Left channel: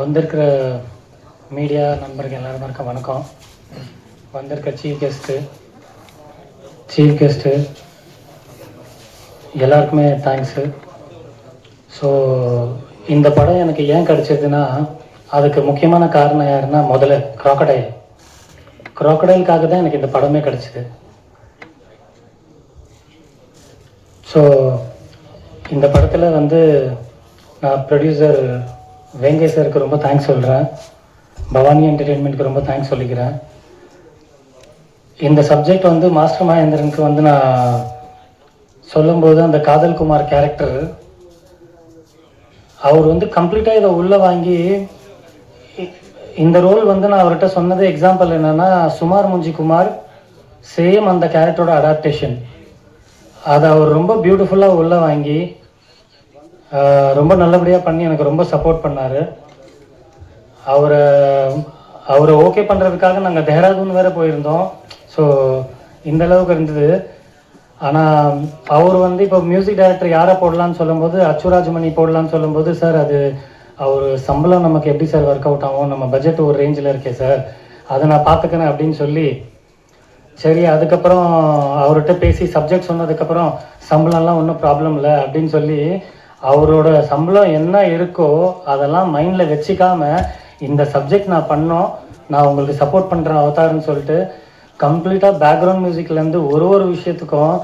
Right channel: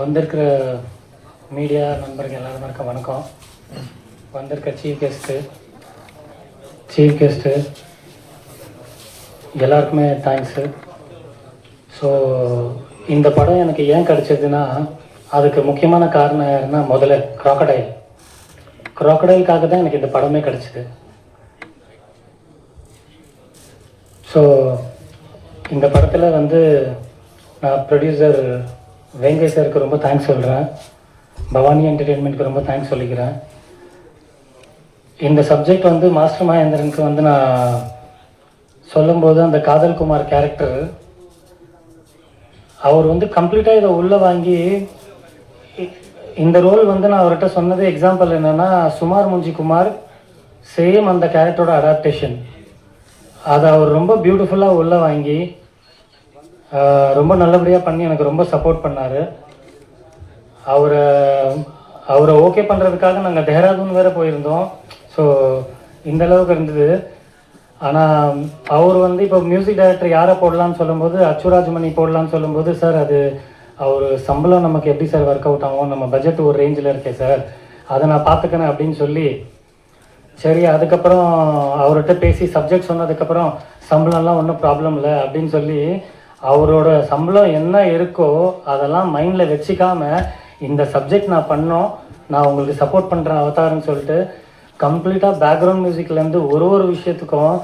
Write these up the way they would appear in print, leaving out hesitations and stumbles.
வந்திருக்கிற மீடியா நண்பர்கள் எல்லாருக்கும் வணக்கம். வந்திருக்க சீஃப் கெஸ்ட்டு எல்லாருக்குமே தேங்க்ஸு. ஸோ இந்த படம் எனக்கு ஏன் கிடச்சிதுன்னா, அதுக்கு முக்கியமான காரணம் யாருன்னா, முதல்ல க்ராக்கடைலுக்காக தான் எனக்கு இந்த படமே கிடச்சிது. ஸோ இந்த படத்தில் நான் ப்ரொடியூசர் வேங்கை சாருக்கு ரொம்ப தேங்க்ஸ் சொல்கிறேன். பவானி என்டர்டெயின்மெண்ட்டுக்கு ரொம்ப தேங்க்ஸ் சொல்லிக்கிறேன். இந்த சப்ஜெக்ட் மாஸ்டர் மகேந்திரனுக்கு நான் சொல்லும்போது, அந்த காதல் குமார் கேரக்டர் அவர் கம்ப்ளீட்டாக இதை உள்ளே வாங்கி இந்த ரோல் நான் அவர்கிட்ட சொன்னது எக்ஸாம்பிள் என்னென்னா, சுமார் முஞ்சி குமார் சேம் அந்த கேரக்டரோட அடாப்டேஷன். அதை அவர் ரொம்ப பியூட்டிஃபுல்லாக உள்ளே வாங்கி ரொம்ப நல்லபடியாக பண்ணி எனக்கு ரொம்ப சப்போர்ட் பண்ணார். அவரை ஓகே பண்ணுறதுக்காக நாங்கள் தேஹ்ராதூன் வேறு போயிருந்தோம். ஸோ இந்த அளவுக்கு இருந்தது. ஆனால் அவர் இப்போ மியூசிக் டைரக்டர் யாரை போடலான்னு சொல்லும்போது, அச்சுராஜ்மணி போடலான்னு சொல்லும்போது, சார் அது அவர் சம்பளம் நமக்கு எப்படி சார் ஒர்க் அவுட் ஆகும், நம்ம பட்ஜெட் ஒரு ரேஞ்சில் இருக்கே சார், அதை நான் பார்த்துக்கிறேன் அப்படின்னு சொல்லி, சரி அதுக்கப்புறம் அவர்கிட்ட பேசி சப்ஜெக்ட் சொன்னதுக்கப்புறம் சம்பளம்லாம் ஒன்றும் ப்ராப்ளம் இல்லை அப்படின்னு சொல்லி, அவரோட சம்பளம் என்ன இருக்கோ அதெல்லாம் மைண்டில் வச்சுக்காமல் இந்த சப்ஜெக்ட் நான் பண்ணோம், நான் உங்களுக்கு சப்போர்ட் பண்ணுறேன் அவதாரன்னு சொல்லிட்டு கம்ப்ளீட்டாக பேக்ரவுண்ட் மியூசிக்லேருந்து ஒரு விஷயத்துக்கும்,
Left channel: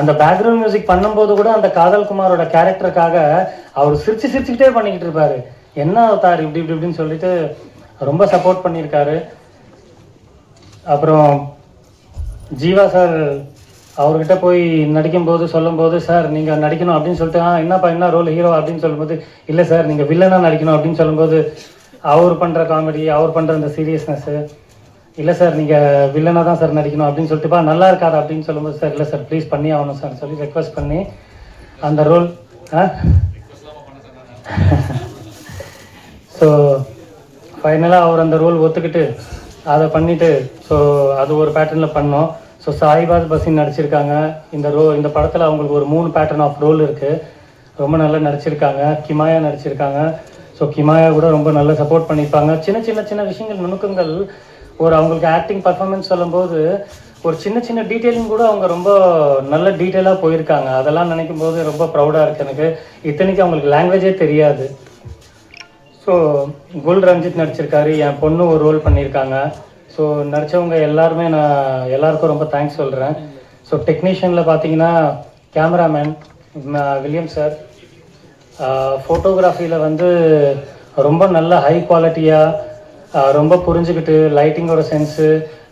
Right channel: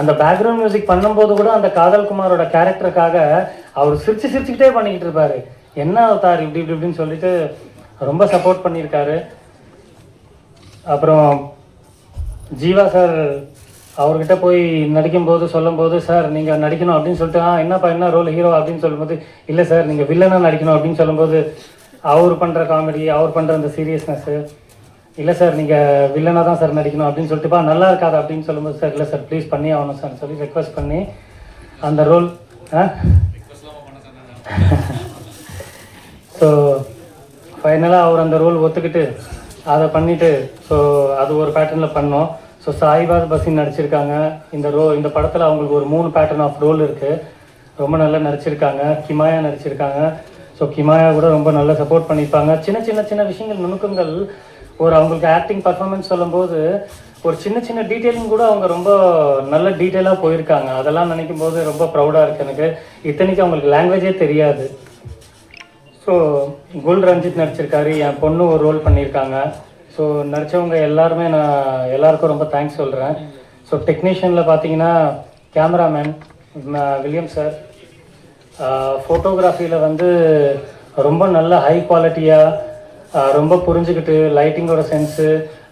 அந்த பேக்ரவுண்ட் மியூசிக் பண்ணும்போது கூட அந்த காதல் குமாரோட கேரக்டருக்காக அவர் சிரிச்சுக்கிட்டே பண்ணிக்கிட்டு இருப்பார். என்ன அவதார் இப்படின்னு சொல்லிட்டு ரொம்ப சப்போர்ட் பண்ணியிருக்காரு. அப்புறம் ஜீவா சார் அவர்கிட்ட போய் நடிக்கும்போது சொல்லும்போது, சார் நீங்கள் நடிக்கணும் அப்படின்னு சொல்லிட்டு, என்னப்பா என்ன ரோல் ஹீரோ அப்படின்னு சொல்லும்போது, இல்லை சார் நீங்கள் வில்லனாக நடிக்கணும் அப்படின்னு சொல்லும்போது, அவர் பண்ணுற காமெடி, அவர் பண்ணுற அந்த சீரியஸ்னஸ்ஸு, இல்லை சார் நீங்கள் வில்லனாக தான் சார் நடிக்கணும் அப்படின்னு சொல்லிட்டுப்பா நல்லா இருக்காது அப்படின்னு சொல்லும்போது, சார் இல்லை சார் ப்ளீஸ் பண்ணி ஆகணும் சார் சொல்லி ரெக்வஸ்ட் பண்ணி அந்த ரோல் ஸோ ஃபைனலாக அவர் அந்த ரோல் ஒத்துக்கிட்டு அதை பண்ணிவிட்டு, ஸோ அது ஒரு பேட்டர்னில் பண்ணோம். ஸோ சாயிபாத் பசின் நடிச்சிருக்காங்க இந்த படத்தில். அவங்களுக்கு ஒரு 3 பேட்டர்ன் ஆஃப் ரோல் இருக்குது. ரொம்ப நல்லா நடிச்சிருக்காங்க. கிமாயா நடிச்சிருக்காங்க. ஸோ கிமாயா கூட ரொம்ப நல்லா சப்போர்ட் பண்ணியிருப்பாங்க. சின்ன விஷயங்கள், நுணுக்கங்கள், அவங்களுக்கு ஆக்டிங் பர்ஃபார்மன்ஸ் சொல்லும்போது ஒரு சின்ன டீட்டெயிலிங் கூட அவங்க ரொம்ப நல்ல டீட்டெயிலாக போயிருக்காங்க. அதெல்லாம் நினைக்கும் போது ரொம்ப ப்ரௌடாக இருக்குது எனக்கு. இத்தனைக்கு அவங்களுக்கு லாங்குவேஜே தெரியாது. ஸோ குல் ரஞ்சித் நடிச்சிருக்காரு. என் பொண்ணு ஒரு ரோல் பண்ணியிருக்காங்க. ஸோ நடித்தவங்க எல்லாருமே நான் எல்லாருக்கும் ரொம்ப தேங்க்ஸ் சொல்கிறேன். ஸோ டெக்னீஷியனில் பார்த்தீங்கன்னா கேமராமேன் வில்லியம் சார், ஃபோட்டோகிராஃபியில் ரொம்ப நல்ல ஹை குவாலிட்டியாக ரொம்ப புரிஞ்சுக்கிட்டு, லைட்டிங்கோட சென்ஸு.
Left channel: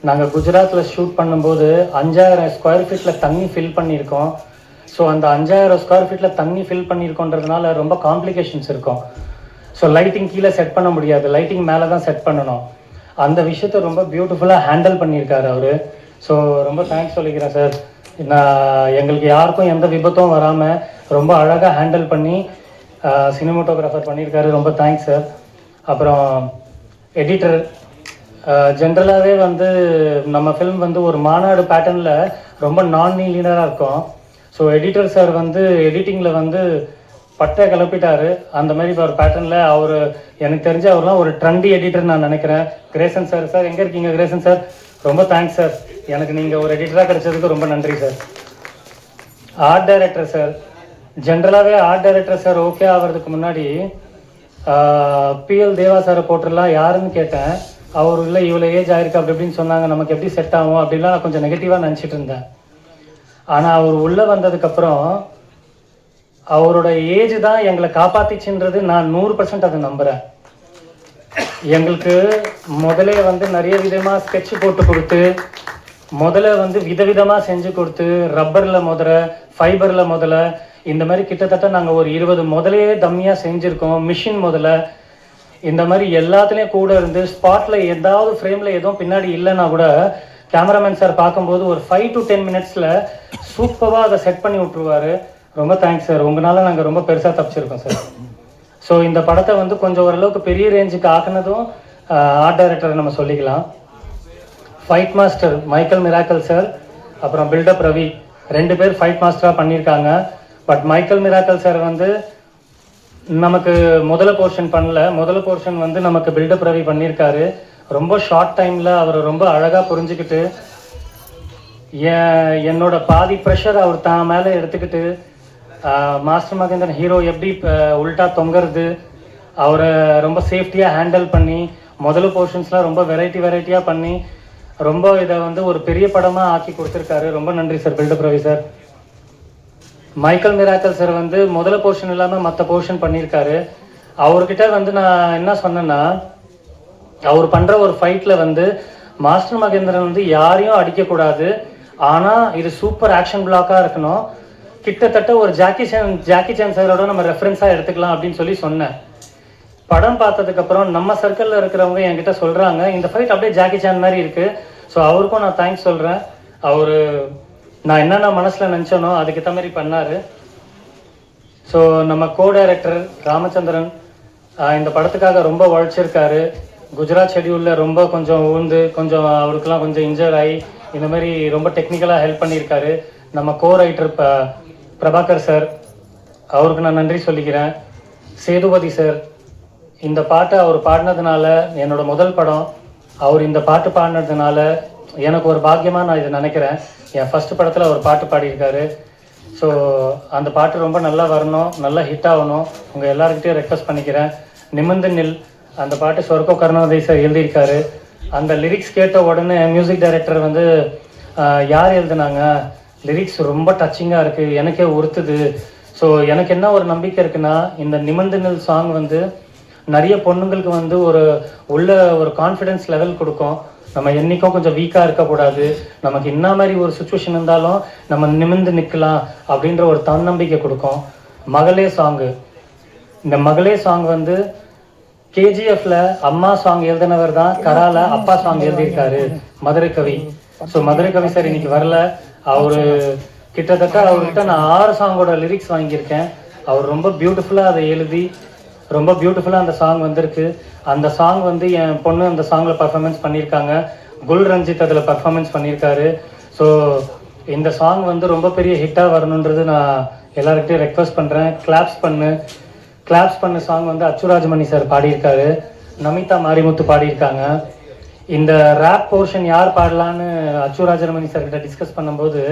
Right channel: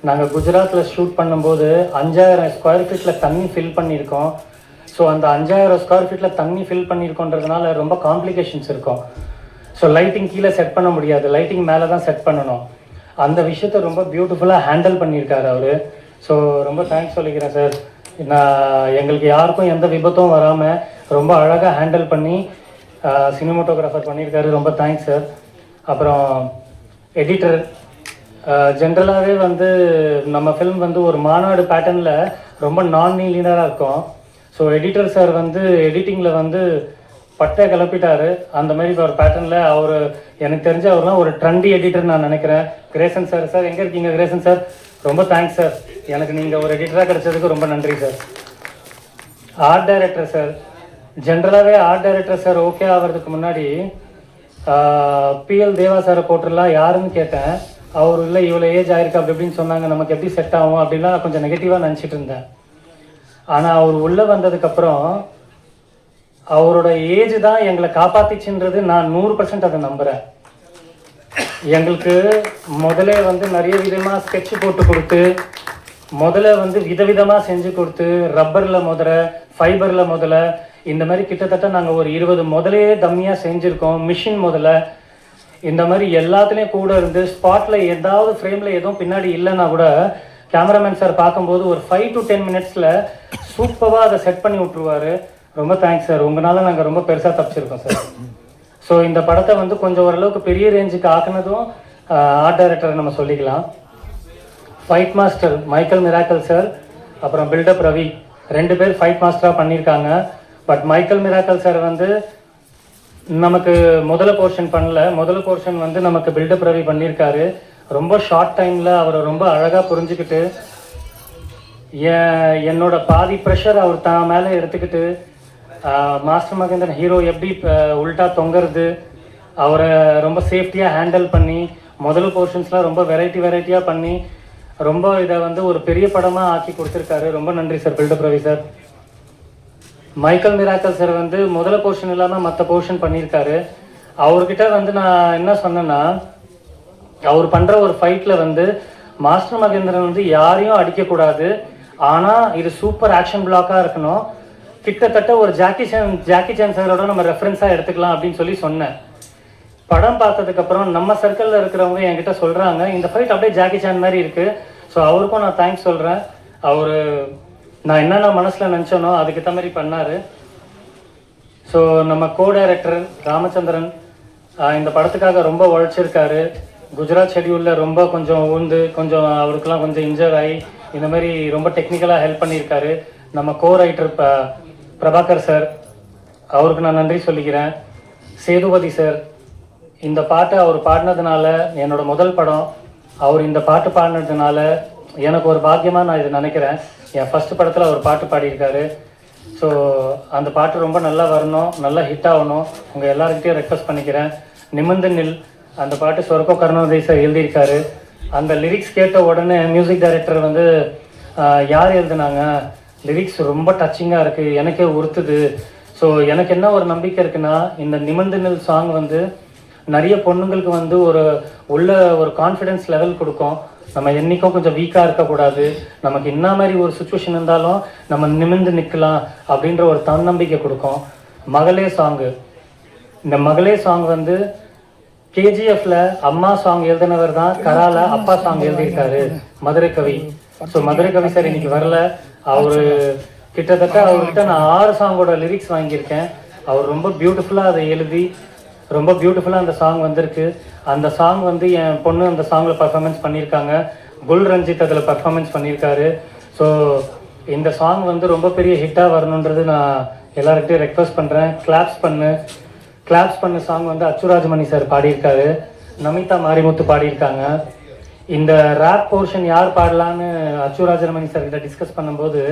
நாங்கள் குஜராத்தில் ஷூட் பண்ணும்போது 5000 ஸ்கொயர் ஃபீட்டில் தண்ணி ஃபில் பண்ணியிருக்கோம். ஸோ அந்த 5000 ஸ்கொயர் ஃபீட்டில் தண்ணி ஃபில் பண்ணியிருக்கோன்றதுனால ரொம்ப காம்ப்ளிகேஷன்ஸ் இருக்கும். ஸோ லைட்டிங் கீழே செட் பண்ண முடியாது, லைட்டிங் மேலே தான் செட் பண்ணணும். அந்த விஷயத்தை ரொம்ப பியூட்டிஃபுல்லாக ஹேண்டில் பண்ணியிருக்காரு அவர். ஸோ ரொம்ப தேங்க்ஸ் சொல்லிக்கிறேன் சார். எங்களுக்கு யாருக்கும் எந்த விபத்தும் வராமல் ரொம்ப அழகாக ஹேண்டில் பண்ணி சினிமோட்டோகிராஃபர் பண்ணியிருக்காரு. ரொம்ப தேங்க்ஸ் சார். அப்புறம் எடிட்டர், ஜென்ரலாகவே நம்ம ஃபிலிம் ஒரு மாநாடு பேட்டர்னில் ரொம்ப நான் லீனராக இருக்கும். ஸோ எடிட்டர் சார் எடிட்டிங்கில் பட்டை கிளப்பிட்டாரு. அந்த மாதிரி ஒரு பேட்டர்னில் அவர், எனக்கு தெரிஞ்ச அவர்லாம் ஒரு ட்ரெண்டி எடிட்டர் நான் நினைக்கிறேன். கிரேசன் சார் எங்கே இருக்கீங்க கிரேசன் சார்? ரொம்ப தேங்க்ஸ் சார், எனக்கு நீங்கள் ஒரு எடிட்டராக கிடைச்சதுக்கு ரொம்ப நன்றி சார். ஆர்ட் டைரக்டர் சார், ஜென்ரலாகவே ஆர்ட் டைரக்டர் சார் ஓகே ஆகிறதுக்கு முன்னாடி PL தேவா சாரை போட்டுடலாம் யாருன்னு கேட்டேன். அவர் இல்லை இவ்வளோ ஏஜ் ஆயிருக்கு அப்படி இப்படின்னு சொன்னாங்க, நமக்கு எப்படி செட் ஆகும் அப்படின்லாம் நான் கொஞ்சம் நெகட்டிவாக நினச்சிட்டு இருந்தேன். ஆனால் அவர் உள்ளே வந்ததுக்கப்புறம் அவரோட ஏஜ் தான் எங்களை காப்பாற்றிச்சுன்றது நான் 100% அதை நம்புகிறேன். எங்களுக்கு முதல்ல நிறைய விதமாக ஸ்கெட்ச் போட்டு கொடுத்து, முதல்ல விதவிதமாக செஞ்சு கொடுத்து, ரப்பரில் ஃபைபரில் இந்த மாதிரி கிட்டத்தட்ட நாங்கள் ஒரு 20 முதலையே தம்மியாக செஞ்சுருக்கோம். மிஷின் இந்த மாதிரி எல்லாத்துலேயும் கூட இருந்து ஸ்பாட்டில் ஏதாவது ஃப்ரேமில் எதுவும் பின்னாடி இல்லைன்னா கூட கேமராமேன் சார் பார்க்கும்போது ஒரு 5 to 10 மினிட்ஸில் சூப்பராக அதை செட் பண்ணி விட்ருவார். ரொம்ப தேங்க்ஸ் சார், உங்களால் நாங்கள் ரொம்ப பெருசாக தப்பிச்சிருக்கோம் சார். ஸோ இந்த படத்தை கொஞ்சம் ஓரளவுக்கு பெரிய ரேஞ்சுக்கு ஆக்குனதும் ஆர்ட் டைரக்டரை நம்ம சொல்லிக்கலாம். Fight master Michael miracle sir, அப்புறம் பில்டப் ரவி, 2 பேர் ஃபைட் மாஸ்டராக பண்ணியிருக்காங்க. பட் மைக்கேல் மிராக்கல் சார் நமக்கு முதல் போர்ஷன் பண்ணல. முதல் போர்ஷன் வந்து நமக்கு பில்டப் ரவி பண்ணியிருக்காரு. ரொம்ப ஷார்ட் டைமில் அவரை ரொம்ப அழகாக புரிஞ்சுக்கிட்டு என்னோட பாதி ப்ரெஷர் அவர் தான் மேலே எடுத்துக்கிட்டு மாஸ்டர் மகேந்திரன் ஹீரோ எப்படி உல்ட்டா தொங்குறது அவரை ரொம்ப சேஃப்டியாக ஹேண்டில் பண்ணி முதல் போர்ஷன்ஸ்லாம் ரொம்ப வெரைட்டியாக பண்ணி ரொம்ப இதை வந்து ஒரு பெரிய படமாக ஆக்கி கொடுத்துருக்காரு. ரொம்ப நன்றி sir buildup Ravi sir. Michael miracle sir வந்து முதல் போர்ஷன் இல்லாமல் மற்ற போர்ஷன் பண்ணியிருக்காரு. அவர்கிட்ட வந்து நான் என்ன சொன்னேன்னா, அவர் பண்ணுற ஒரு ஃபைட்டில் வந்து மாஸ்டர் மகேந்திரன் வந்து யாரையும் அடிக்கக்கூடாது, ஆனால் இது சூப்பர் ஆக்ஷன் பிளாக்காக இருக்கணும், கிட்டத்தட்ட ஒரு ஜாக்கி சான் சாரோட நம்ம ரெஃபரன்ஸாக எடுத்துக்கலாம் அப்படின்னு சொல்லி சொன்னேன். படம் பார்த்ததுக்கப்புறம் நம்ம சர்க்கிளில் இருக்கிறவங்க என்கிட்ட சொல்கிறாங்க, இந்த ஃபைட் அப்படியே ஜாக்கி சான் மாதிரி இருக்குது. ஸோ அவருக்கும் நான் தேங்க்ஸ் சொல்கிறேன். அவர் நான் என்னென்ன மனசில் நினச்சேனோ அதுக்கேற்ற மாதிரி பண்ணார். ஸோ நம்ம கோ டைரக்டர் ராமச்சந்திரன் இந்த படத்துக்காக ரொம்ப உழைச்சிருக்காரு. குஜராத் ஷெட்யூலில் ரொம்ப கொஞ்சம் உழுந்து கொஞ்சம் அவருக்கெல்லாம் கொஞ்சம் இன்ஜர் ஆகி இந்த மாதிரி ரொம்ப டெக்னிக்கலாக ஹெல்ப் பண்ணியிருக்காரு. நம்ம கோ ரைட்டர் பிரபாகர் சார், அவருக்கு நான் நன்றி சொல்லிக்கிறேன். சேதுபதி சார், இந்த பாட்டை அவர் பாடினதுனால என்னோட முதல் படம், அவர் இந்த பாட்டு பாடினதுனால எனக்கு ஒரு பாக்கியமாக நான் இதை நினைக்கிறேன். என் ஃபஸ்ட்டு படத்தில் அவர் பாட்டு பாடியிருக்காரு. ஸோ அந்த பாட்டு ரொம்ப நல்லா வரணும், நல்லா ஹிட் ஆகணும். உங்கள் எல்லாருக்கிட்டையும் ரெக்வஸ்ட் பண்ணிக்கிறேன். நிமிர்ந்து நில் அந்த பாட்டு சொர்க்கோ கருணோதய் சார் எழுதியிருக்காரு. அந்த லிரிக்ஸ் கேட்ட உடனே மியூசிக் டைரக்டர் வந்து யார் எழுதுனாங்க, லிரிக்ஸ் ரொம்ப டச்சிங்காக இருக்குது, எனக்கே உறுத்துது. ஸோ எனக்கு என்ன ஒரு நம்பிக்கை இருக்குன்னா, இந்த நிமிர்ந்து நில் சாங் வந்து நிறைய பொண்ணுங்களுக்கு வந்து உள்ள ஒரு கான்ஃபிடென்ஸ் லெவல் கொடுக்கும். நம்ம என்றைக்கும் கொஞ்சம் வீக்காக இருக்கக்கூடாது, நமக்கு என்ன மாதிரி ஒரு சுச்சுவேஷன் இருந்தாலும் நம்ம நிமிர்ந்து நிற்கலாம் அப்படின்ற ஒரு தன்னம்பிக்கை கொடுக்கும். மகளே சாங்கு, இந்த மகளே சாங் வந்து கேஜிஎஃப்ல அம்மா சாங் எழுதினவர் தான் கரால அப்பா சாங் எழுதியிருக்காரு, மதுரை கவி. ஸோ மதுரை கவி சார் இன்னைக்கு வரல. அவரு கிட்டத்தட்ட அவர்கிட்ட நான் 6 சாங்கோட லிரிக்ஸ் வாங்கியிருக்கேன். அவர் ரொம்ப பியூட்டிஃபுல்லாக அதை எழுதி ரொம்ப பியூட்டிஃபுல்லாக அந்த சாங் வந்திருக்கு. அந்த சாங் வந்து என் பொண்ணு அந்த சாங்கில் பர்ஃபார்மன்ஸ் பண்ணியிருக்காங்க. குல் ரஞ்சித் அதில் பர்ஃபார்மன்ஸ் பண்ணியிருக்காரு. ஸோ இந்த சாங் வந்து ரொம்ப பெரிய ஹிட்டாக வரணுன்றது நான் எல்லாருக்கிட்டையும் ரெக்வஸ்ட் பண்ணுறேன். கிளாப்ஸ் பண்ண சாங் வந்து அச்சுராஜமணி சார் பாடியிருக்காரு, நமிதா மாரிமுத்து பாடியிருக்காங்க. இந்த ரேப் போர்ஷன் யார் பாடலான்னு அச்சுராஜமணி சார்கிட்ட டிஸ்கஸ் பண்ணும்போது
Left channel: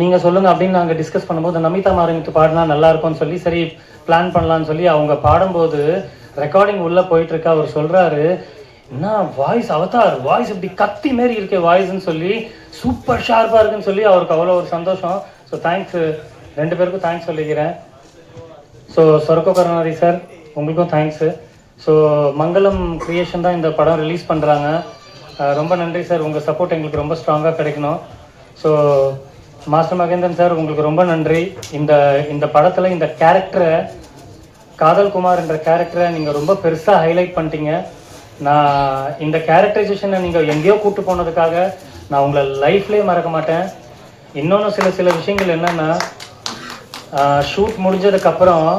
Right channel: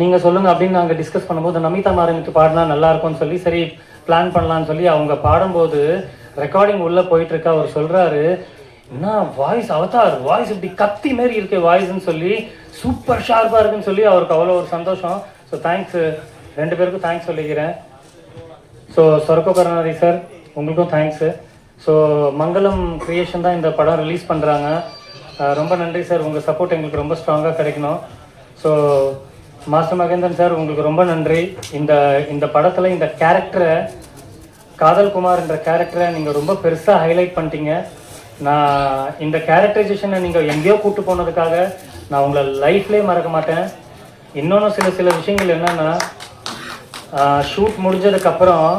நீங்கள் சொல்லுங்கள் அப்படின்னு நாங்கள் டிஸ்கஸ் பண்ணும்போது நமிதா மாரிமுத்து பாடினா நல்லா இருக்கும்னு சொல்லி சரி பிளான் பண்ணலான்னு சொல்லி அவங்க பாடும்போது ரெக்கார்டிங் உள்ளே போயிட்டுருக்கு. அவர் சொல்கிறாரு, என்ன வாய்ஸ் அவதார் வாய்ஸ் இப்படி கத்தி மாரி இருக்கே வாய்ஸ்ன்னு சொல்லி, சூப்பர் ஷார்ப்பாக இருக்குன்னு சொல்லி அவருக்கு அவ்வளோ ஒரு சந்தோஷம். ஸோ தேங்க்ஸ், 2 பேருக்கும் தேங்க்ஸ் சொல்லிக்கிறேன். ஸோ சொர்க்கோ கருணாநிதி சார் உங்களுக்கும் தேங்க்ஸு. ஸோ மங்களம் கிரியேஷன் தான் இந்த படம் ரிலீஸ் பண்ணுறாங்க. ரொம்ப நன்றி சார், உங்கள் சப்போர்ட் எங்களுக்கு ரொம்ப ஸ்ட்ராங்காக கிடைக்கணும். ஸோ மாஸ்டர் மகேந்திரன் சார் உங்களுக்கு ரொம்ப நன்றி. இந்த படத்தில் இந்த கேரக்டரை, காதல் குமார் என்ற கேரக்டரை நீங்கள் ரொம்ப பெருசாக ஹைலைட் பண்ணிட்டீங்க. நான் இந்த கேரக்டரைசேஷனை நீங்கள் எங்கேயோ கூப்பிட்டு போனதுக்காக நான் உங்களை லைஃப்லேயே மறக்க மாட்டேன். இன்னொன்று சில விஷயங்கள் என்னென்னா, ஷூட் முடிஞ்சதுக்கப்புறம்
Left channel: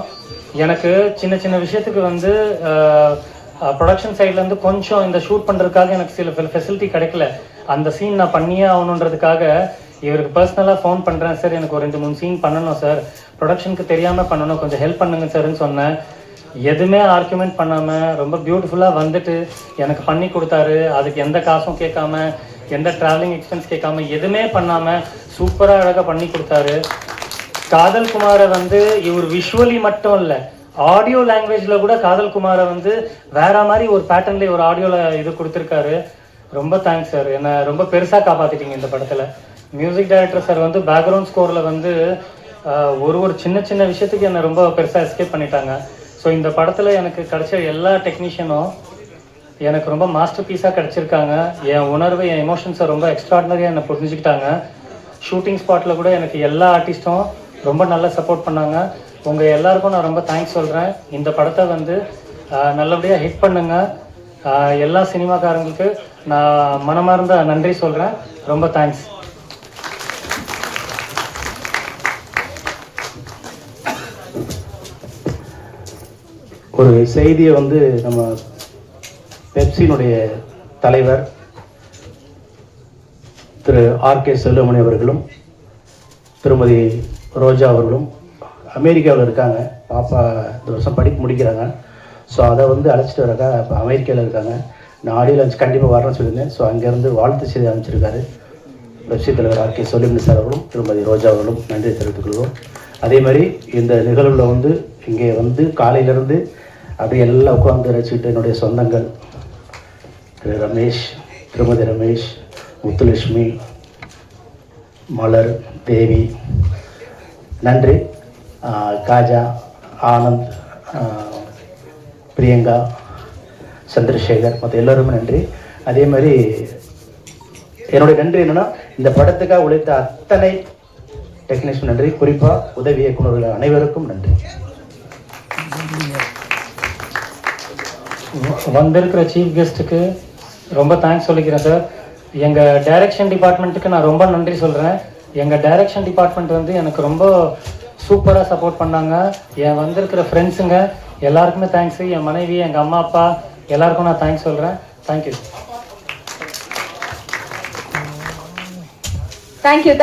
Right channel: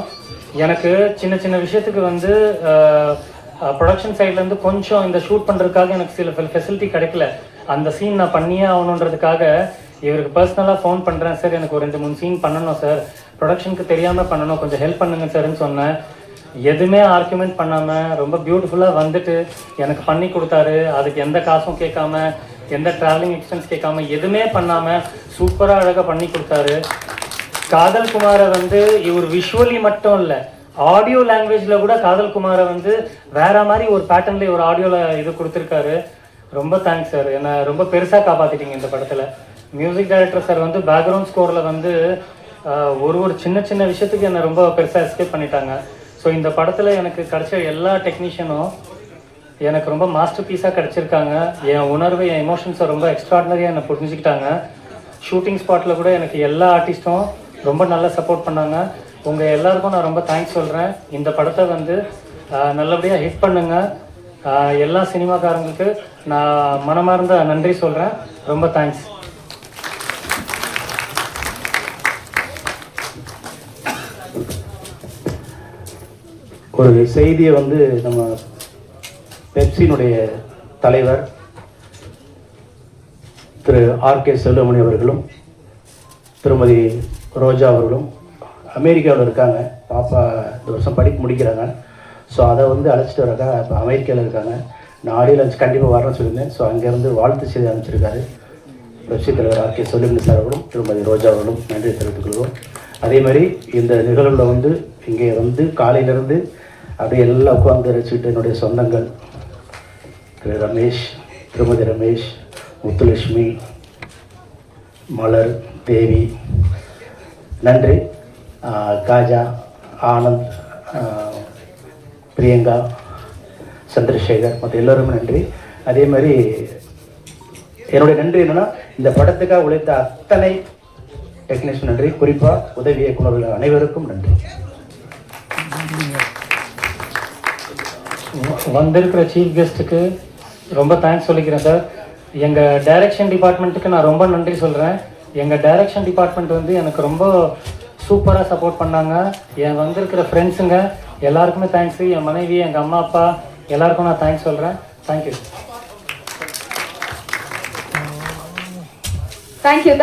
எனக்கு சின்ன விஷயத்துக்கு வந்து ப்ரொடக்ஷன் சைட்லேருந்து கொஞ்சம் இந்த ஷூட் பண்ணுறதுக்காக எனக்கு சில ஃபெசிலிட்டி கிடைக்கல. அந்த சீன் நான் பண்ணியே ஆகணுன்றதுக்காக இவருக்கு பர்சனலாக ஃபோன் பண்ணுறேன், சார் எனக்கு ஒரு 2-3 சீன் பண்ணணும் சார், ப்ரொடக்ஷனுக்கு தெரியாமல் பண்ணணும், கொஞ்சம் ஹெல்ப் பண்ணுங்க சார்ன்னு சொன்னேன். எதுவுமே ஆர்குமெண்ட் பண்ணாமல் ரொம்ப பியூட்டிஃபுல்லாக வந்துட்டு எனக்கு பண்ணி கொடுத்தாரு. அதுக்கு எந்த காசும் கேட்காம, எந்த ட்ராவலிங் எக்ஸ்பென்ஸ் கேட்காம, எதுவுமே பண்ணாமல் சூப்பராக அழகாக பண்ணி கொடுத்தாரு. காதல் குமாரை வந்து இவர் விஷுவலி மட்டும் இல்லை, ஆடியோ லாங்குவேஜில் கூட காதல் குமாரை வந்து வேற மாதிரி ஒரு பேட்டர்னில் ஒரு ஆடியோவில் இது கொடுத்துருக்காரு. ரொம்ப தேங்க்ஸ் சார், என்னை ரொம்ப பெருசாக காப்பாற்றிட்டீங்க இந்த படத்தில். மியூசிக் டைரக்டர் சார் வந்து பேக்ரவுண்ட் ஸ்கோரில் வந்து ஒரு சின்ன விஷயத்துக்கு என்னை ரொம்ப பெருசாக எஸ்கேப் பண்ணிட்டாங்க. ஸோ இந்த படத்தில் எனக்கு கிடைச்ச எல்லா டெக்னீஷியனும் எனக்கு ரொம்ப மாஸ்டர் பீஸாக கிடச்சிருக்காங்க. என் உணர்வு, என் எமோஷன்ஸை ரொம்ப எக்ஸ்ட்ராடினரியாக என்னை புரிஞ்சுக்கிட்டாங்க. ஷூட்டிங் ஸ்பாட்டில் கூட எனக்கு எல்லா ஆர்டிஸ்ட்டும் ரொம்ப நல்லா சப்போர்ட் பண்ணாங்க. உங்கள் எல்லாருக்கும் நான் ரொம்ப தேங்க்ஸ் சொல்கிறேன். இந்த படத்தை வந்து நல்லபடியாக ஹிட் பண்ணுங்கள். எல்லா சினிமாக்காரங்களுக்கு நான் மனமார்ந்த நன்றி சொல்கிறேன். ரொம்ப தேங்க்ஸ். ஒரு செய்தியை வந்து நம்ம பெப்சியினுடைய தலைவர் திரு ஆர்.கே. செல்வமணி அவர்களும் திருமதி ரோஜா அவர்களும் அமெரிக்காவில் இருக்காங்க. பாப்பா இந்த வருஷம் படிப்பு முடிக்கிறாங்க. ஸோ அதை வந்து அழைச்சிட்டு வரக்கா இப்போ அமெரிக்காவில் இருக்காங்க. நான் ஆடியோ லஞ்ச் கண்டிப்பாக வரேன்னு சொல்லியிருந்தேன். ஸோ அங்கேருந்து வாழ்த்து செய்தி அமைச்சிருக்காரு. வெற்றி தலைவர் ஆர்கே சொலிமணி சார் அவர்களும் திருமதி ரோஜா அவர்களும் நன்றி தெரிவித்துக் கொள்வோம். அதே மாதிரி இந்த நிகழ்வில் வந்து இங்கே வந்து காலையிலேருந்து அப்படியே எல்லாம் உட்காந்து ரசிச்சுட்டு என்னுடைய சொந்தங்கள் திரு ரமேஷ், திருமதி ரமேஷ், முத்துலட்சுமி, மலர், தேவி, நன்றி, காஜா, ஆனந்த், பிரியங்கா, சந்திரசேகர் மற்ற எல்லோருமே நன்றி. அதே மாதிரி என்னுடைய நன்றி என்னென்னா இந்த படத்துக்காக உழைத்த அத்தனை டெக்னீஷியன் நன்றி, குறிப்பாக உதவி இயக்குநர்கள் அனைவருக்கும் நன்றி. வந்திருக்கிற சீஃப் கெஸ்ட்டுக்கு ரொம்ப தேங்க்ஸ் சொல்லிக்கிறேன் சார். எங்கள் டைரக்ஷன் டிபார்ட்மெண்ட்டுக்கு நான் ரொம்ப நன்றி சொல்கிறேன். எங்கள் டைரக்ஷன் டிபார்ட்மெண்ட் வந்து எனக்கு ரொம்ப சூப்பராக சப்போர்ட் பண்ணாங்க. என் வந்திருக்கிற ஃப்ரெண்ட்ஸுங்க எல்லாருக்குமே தேங்க்ஸு. என் மனைவி, எங்கள் அம்மா அப்பா எல்லாருக்கும் நான் தேங்க்ஸ் சொல்கிறேன். தேங்க்யூ.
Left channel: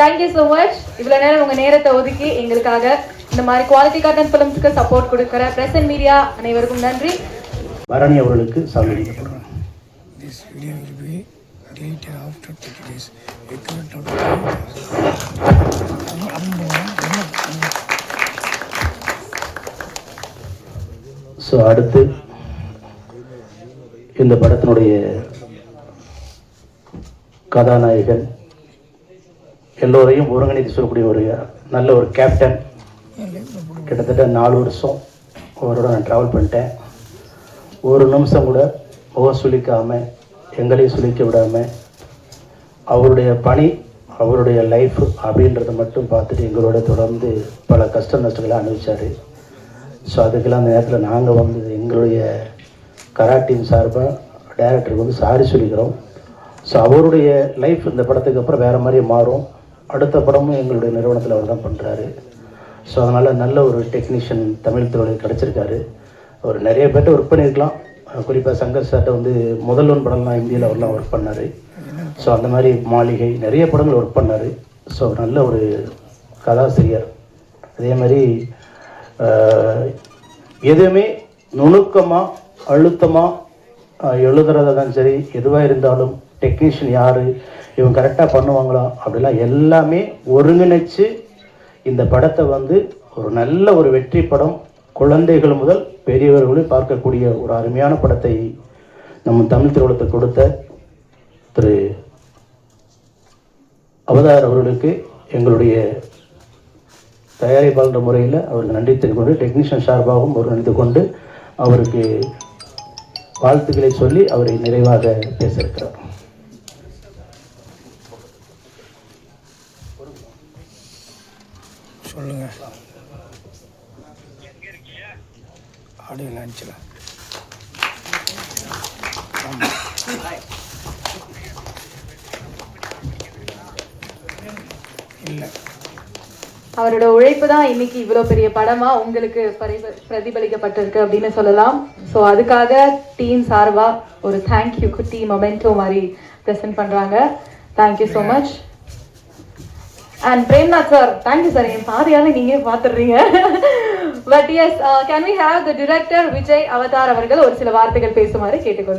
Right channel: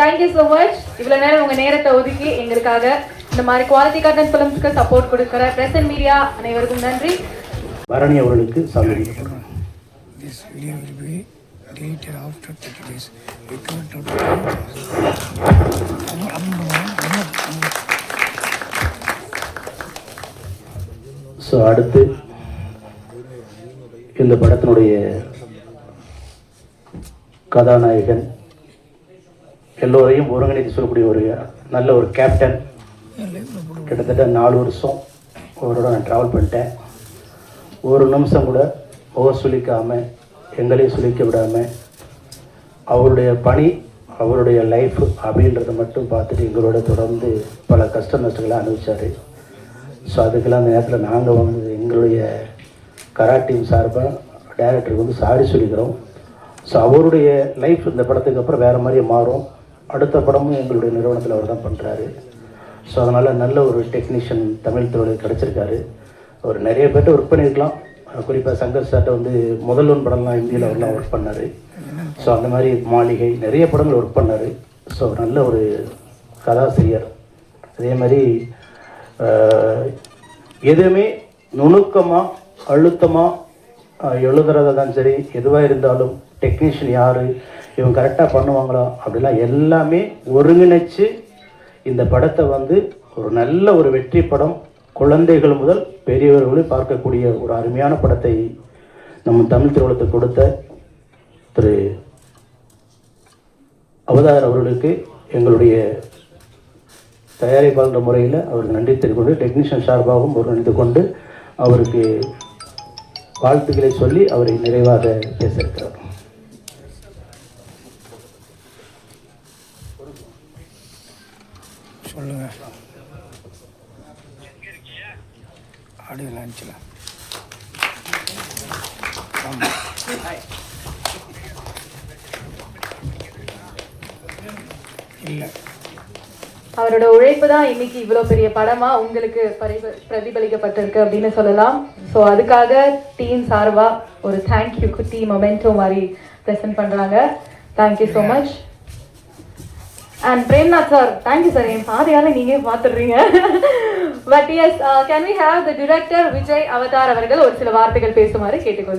Thank you so much. இவ்வளோ நேரம் உங்கள் நேரத்தை ஒதுக்கி எங்களுக்காக இந்த மாதிரி குவாலிட்டி கண்டென்ட் ஃபிலிம்ஸ்க்கு சப்போர்ட் கொடுக்குற பிரஸ் அண்ட் மீடியா அனைவருக்கும் நன்றி. பரணி அவர்களுக்கு சாமி. This video will be deleted after 30 days. So அடுத்து இந்த படத்தினுடைய கதாநாயகன் எல்லோரையும் ஒருங்கிணைத்து சொல்லக்கூடிய ஒரு நல்ல ஒரு கேப்டன். கிட்டத்தட்ட 4 வருஷம் அவரோட நான் ட்ராவல் பண்ணிட்டேன். ஒரு நிமிஷம் கூட சுழிக்காமல் எங்களையும் சுழிக்க விடாமல் அவருடைய பணி, அவருடைய லைஃப் அப்படின்றத மட்டும் பார்த்துட்டு எங்களோட தொடர்ந்து பல கஷ்ட நஷ்டங்களை அனுபவிச்சார். ஸோ அதுக்கெல்லாம் அந்த நேரத்தில் நாங்கள் வந்து எங்களுடைய கரா டீம் சார்பாக டைரக்டருக்கு வந்து சாரி சொல்லிக்கிறோம். ஸோ அவருடைய லைஃப் இந்த படத்துக்கு அப்புறம் வேறு மாதிரி மாறும். அடுத்த படமும் எங்களுடைய நிறுவனத்தில் அவர் தான் பண்ணுறாரு. ஸோ அதனால் நல்ல ஒரு டெக்னீஷியன் தமிழ் துறையில் கிடச்சிருக்காரு. அவர் நிறைய பேர்ட்ட ஒர்க் பண்ணியிருக்கலாம். குறிப்பாக சங்கர் சார்ட்ட வந்து முதல் ஒன் படம்லாம் இந்தியில் அவர்லாம் ஒர்க் பண்ணார். ஸோ அந்த மாதிரி மாளிகை நிறைய படங்கள் ஒர்க் பண்ணார். ஸோ நல்ல ஒரு கதாசிரியர். அதே மாதிரி எதுவுமே நுணுக்கமாக அழுத்தமாக எழுதுறதா தான் சரி, எதுவாக இருந்தாலும் டெக்னீஷியன் யார், இவங்க கரெக்டாக பண்ணுவாங்களா அப்படிலாம் எல்லாமே ஒருங்கிணைச்சு இந்த படத்தை வந்து ஒரு நல்ல ஒரு வெற்றி படம், குழந்தைகள் முதல் பெரியவர்களும் பார்க்கக்கூடிய ஒரு அருமையான படத்தை நம்ம தமிழ் திரையுலகத்தை கொடுத்த திரு அவதார் அவர்களுக்கு எங்களுடைய தயாரிப்பாளர் முறையில் அவருக்கு நன்றி தெரிவித்து, டெக்னீஷியன் சார்பாகவும் ஒரு நன்றி கொண்டு அவருக்கு வாழ்த்துக்களை சொல்லி அவரை நிறைவாக பேசியிருக்கிறார். சொல்லுங்க. ஆடியோ லான்ச்சில் இல்லை, அவரோட உழைப்பு தான் இன்னைக்கு இவ்வளோ பெரிய படமா உங்களுக்கு பிரதிபலிக்கப்பட்டிருக்கு அப்படின்னு சொல்லலாம். ஸோ அதுக்காக டீம் சார்பா ஒரு தேங்க்யூ குட்டி மொமெண்டோ மாதிரி ப்ரெசென்ட் பண்றாங்க. Thank you so much. And Premnath sir, thank you sir. என் பாதியால நீங்க பார்த்துடுறீங்க. But yes, can we have the director Vijay Avatar அவர்கள் ஒரு சில வார்த்தைகள் பேசுமாறு கேட்டுக்கொள்கிறேன்.